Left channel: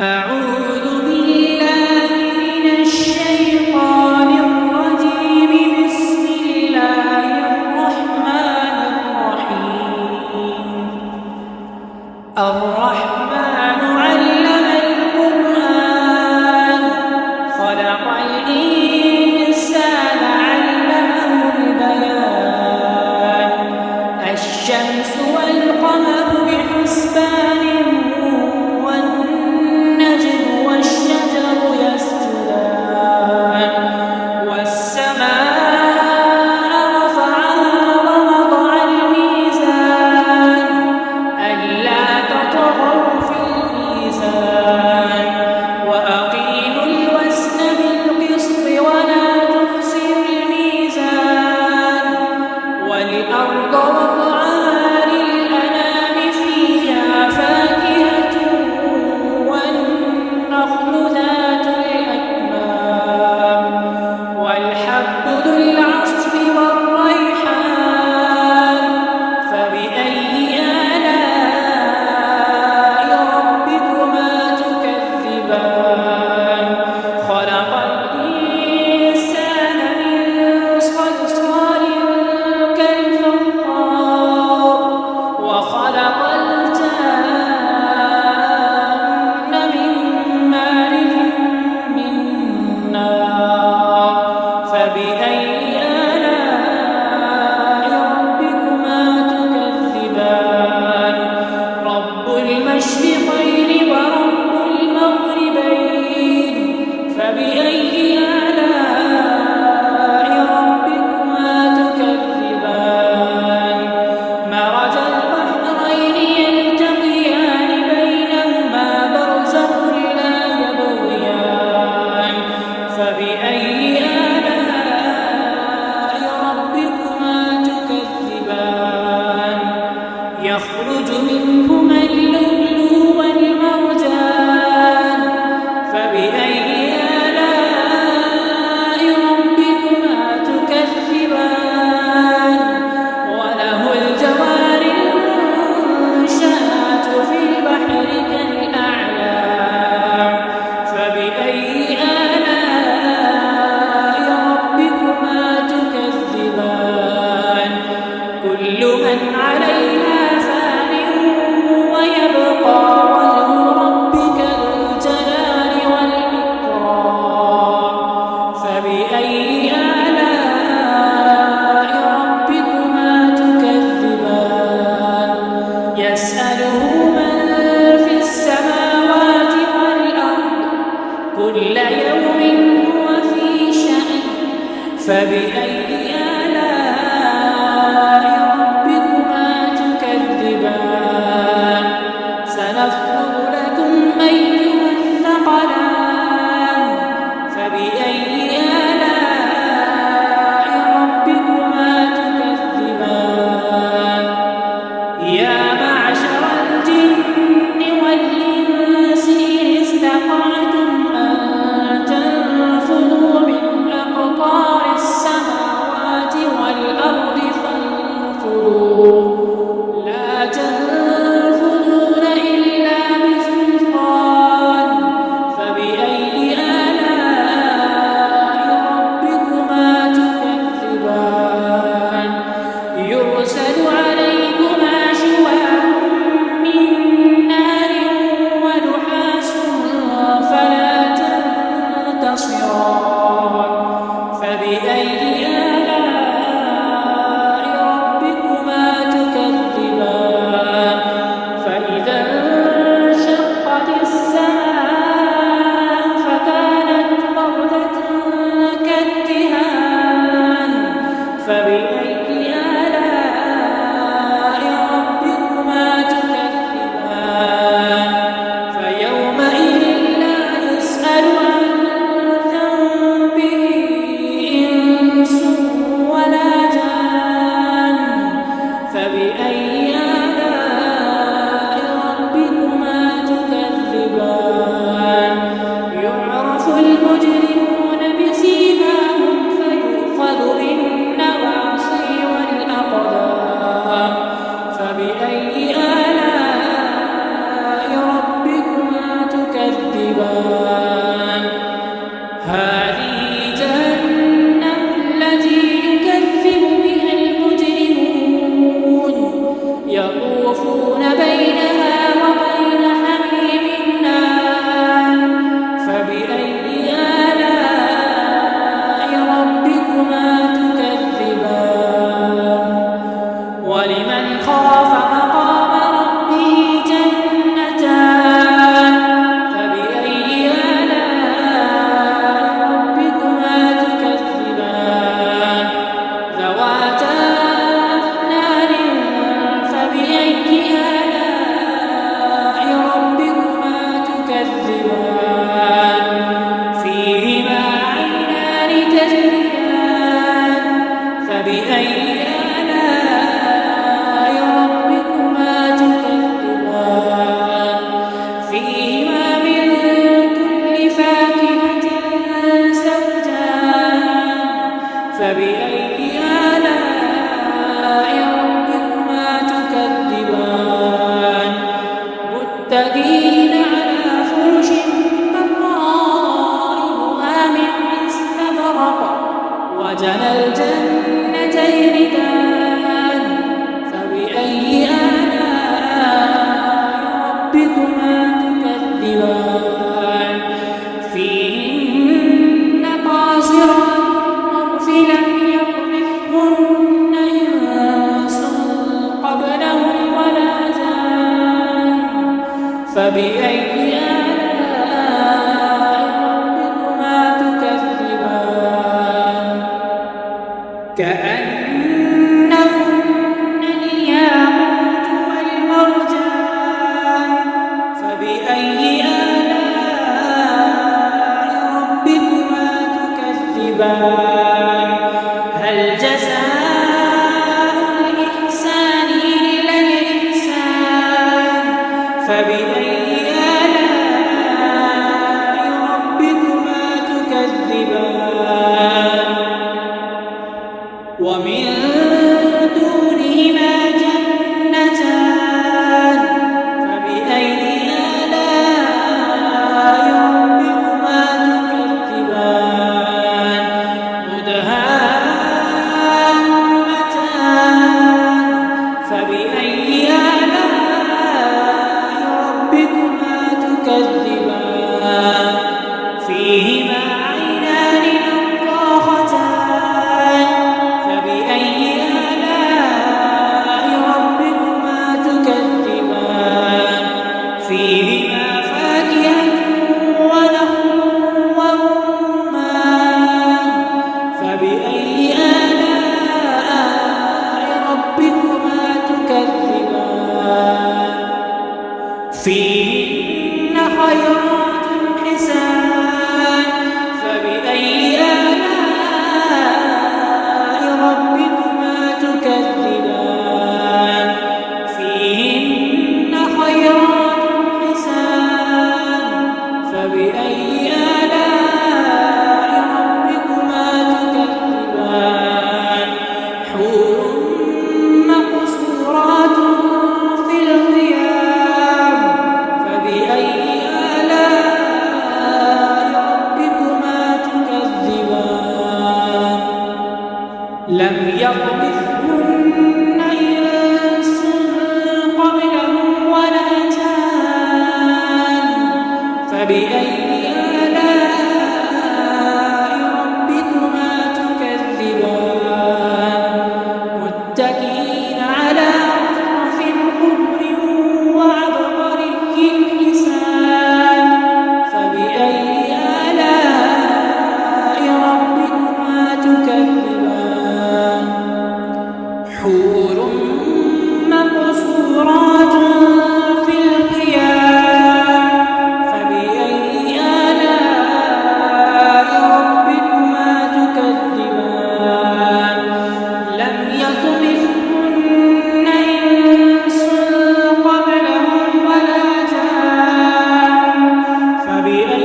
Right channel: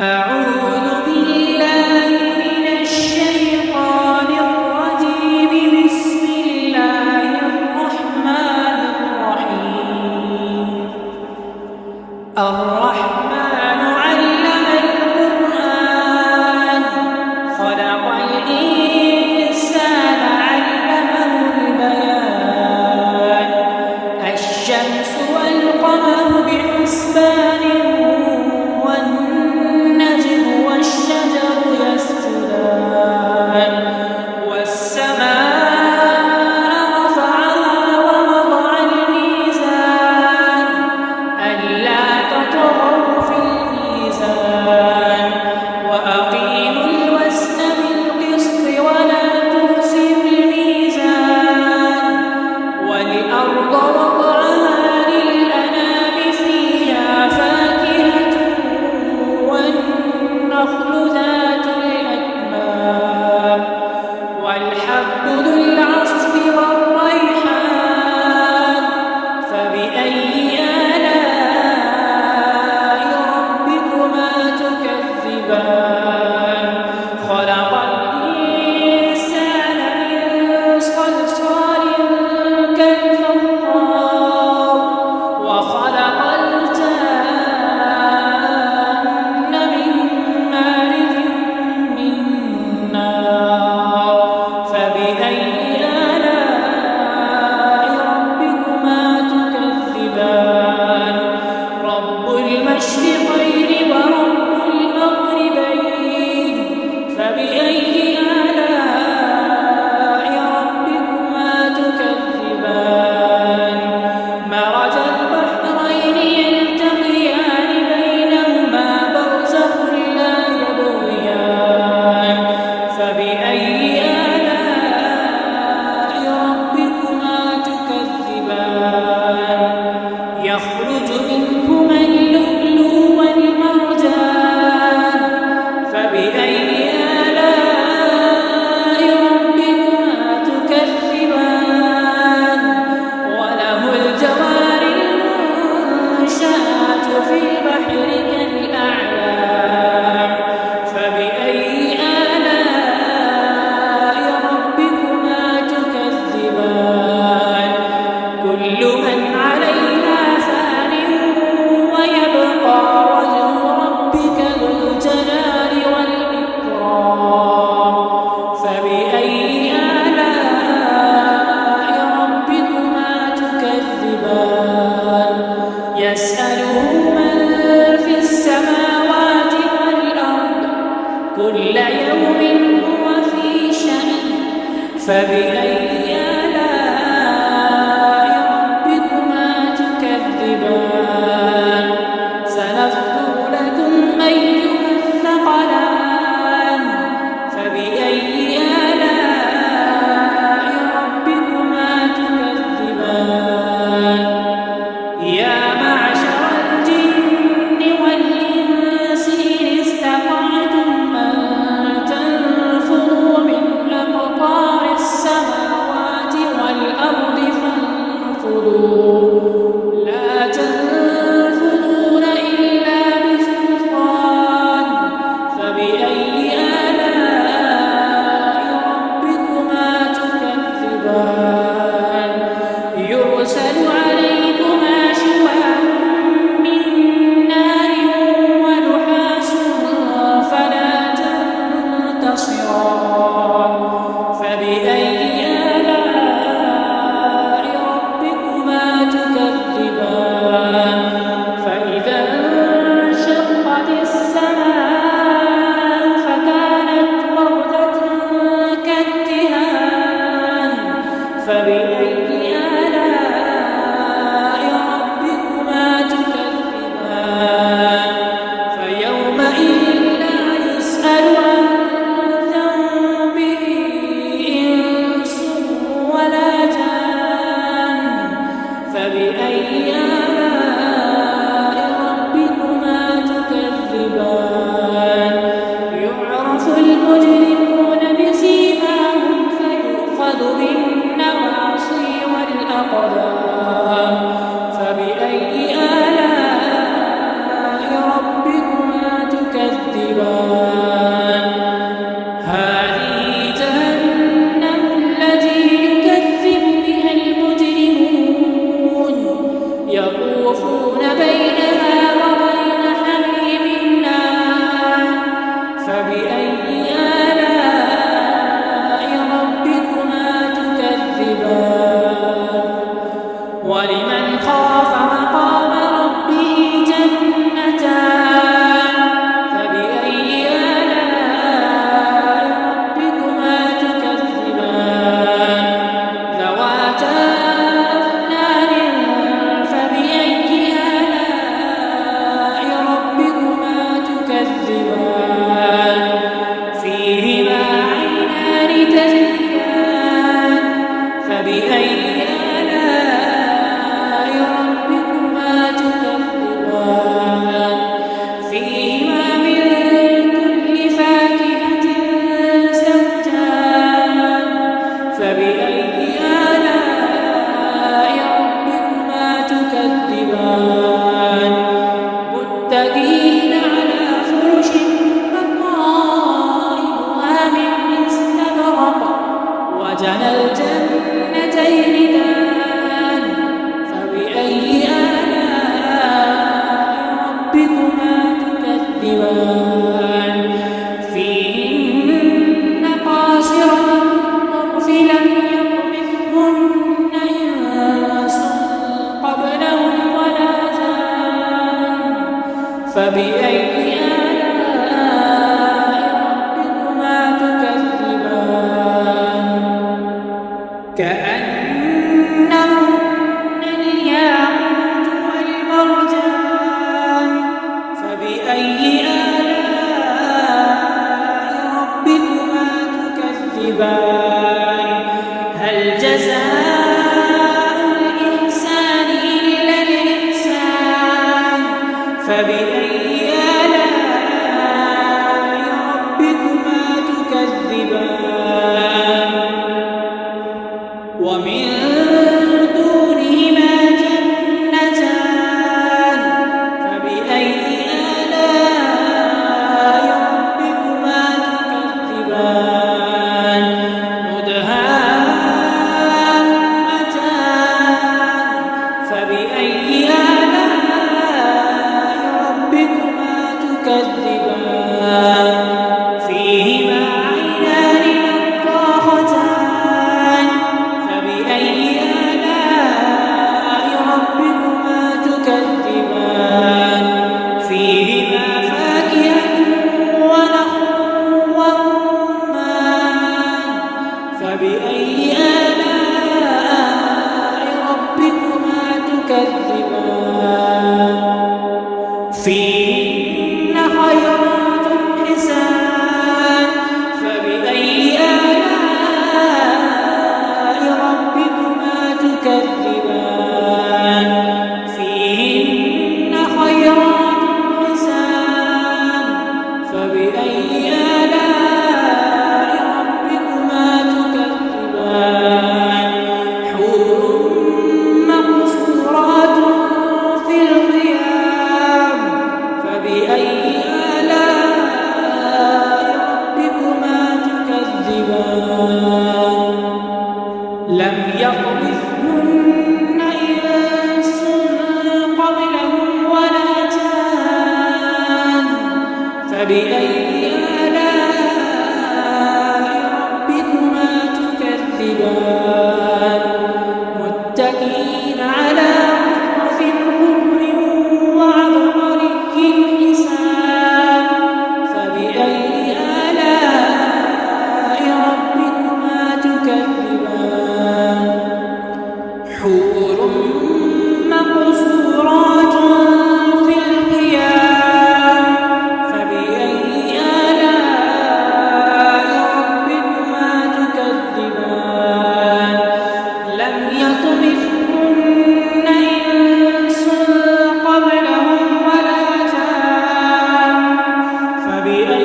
أعوذ بالله من الشيطان الرجيم. بسم الله الرحمن الرحيم. الرحمن علم القرآن خلق الإنسان علمه البيان. الشمس والقمر بحسبان والنجم والشجر يسجدان. والسماء رفعها ووضع الميزان ألا تطغوا في الميزان وأقيموا الوزن بالقسط ولا تخسروا الميزان. والأرض وضعها للأنام فيها فاكهة والنخل ذات الأكمام والحب ذو العصف والريحان. فبأي آلاء ربكما تكذبان. خلق الإنسان من صلصال كالفخار وخلق الجان من مارج من نار. فبأي آلاء ربكما تكذبان. رب المشرقين ورب المغربين. فبأي آلاء ربكما تكذبان. مرج البحرين يلتقيان بينهما برزخ لا يبغيان. فبأي آلاء ربكما تكذبان. يخرج منهما اللؤلؤ والمرجان. فبأي آلاء ربكما تكذبان. وله الجوار المنشآت في البحر كالأعلام. فبأي آلاء ربكما تكذبان. كل من عليها فان ويبقى وجه ربك ذو الجلال والإكرام. فبأي آلاء ربكما تكذبان. يسأله من في السماوات والأرض كل يوم هو في شأن. فبأي آلاء ربكما تكذبان. سنفرغ لكم أيها الثقلان. فبأي آلاء ربكما تكذبان. يا معشر الجن والإنس إن استطعتم أن تنفذوا من أقطار السماوات والأرض فانفذوا لا تنفذون إلا بسلطان. فبأي آلاء ربكما تكذبان. يرسل عليكما شواظ من نار ونحاس فلا تنتصران. فبأي آلاء ربكما تكذبان. فإذا انشقت السماء فكانت وردة كالدهان. فبأي آلاء ربكما تكذبان. فيومئذ لا يسأل عن ذنبه إنس ولا جان. فبأي آلاء ربكما تكذبان. يعرف المجرمون بسيماهم فيؤخذ بالنواصي والأقدام. فبأي آلاء ربكما تكذبان. تكذبان هذه جهنم التي يكذب بها المجرمون يطوفون بينها وبين حميم آن فبأي آلاء ربكما تكذبان ولمن خاف مقام ربه جنتان فبأي آلاء ربكما تكذبان ذواتا أفنان فبأي آلاء ربكما تكذبان فيهما عينان تجريان فبأي آلاء ربكما تكذبان فيهما من كل فاكهة زوجان فبأي آلاء ربكما تكذبان متكئين على فرش بطائنها من استبرق وجنى الجنتين دان فبأي آلاء ربكما تكذبان فيهن قاصرات الطرف لم يطمثهن إنس قبلهم ولا جان فبأي آلاء ربكما تكذبان كأنهن الياقوت والمرجان فبأي آلاء ربكما تكذبان هل جزاء الإحسان إلا الإحسان فبأي آلاء ربكما تكذبان ومن دونهما جنتان فبأي آلاء ربكما تكذبان مدهامتان فبأي آلاء ربكما تكذبان فيهما عينان نضاختان فبأي آلاء ربكما تكذبان فيهما فاكهة ونخل ورمان فبأي آلاء ربكما تكذبان فيهن خيرات حسان فبأي آلاء ربكما تكذبان فيهن خيرات حسان فبأي آلاء ربكما تكذبان حور مقصورات في الخيام فبأي آلاء ربكما تكذبان لم يطمثهن إنس قبلهم ولا جان فبأي آلاء ربكما تكذبان متكئين على رفرف خضر وعبقري حسان فبأي آلاء ربكما تكذبان حور مقصورات في الخيام فبأي آلاء ربكما تكذبان لم يطمثهن إنس قبلهم ولا جان فبأي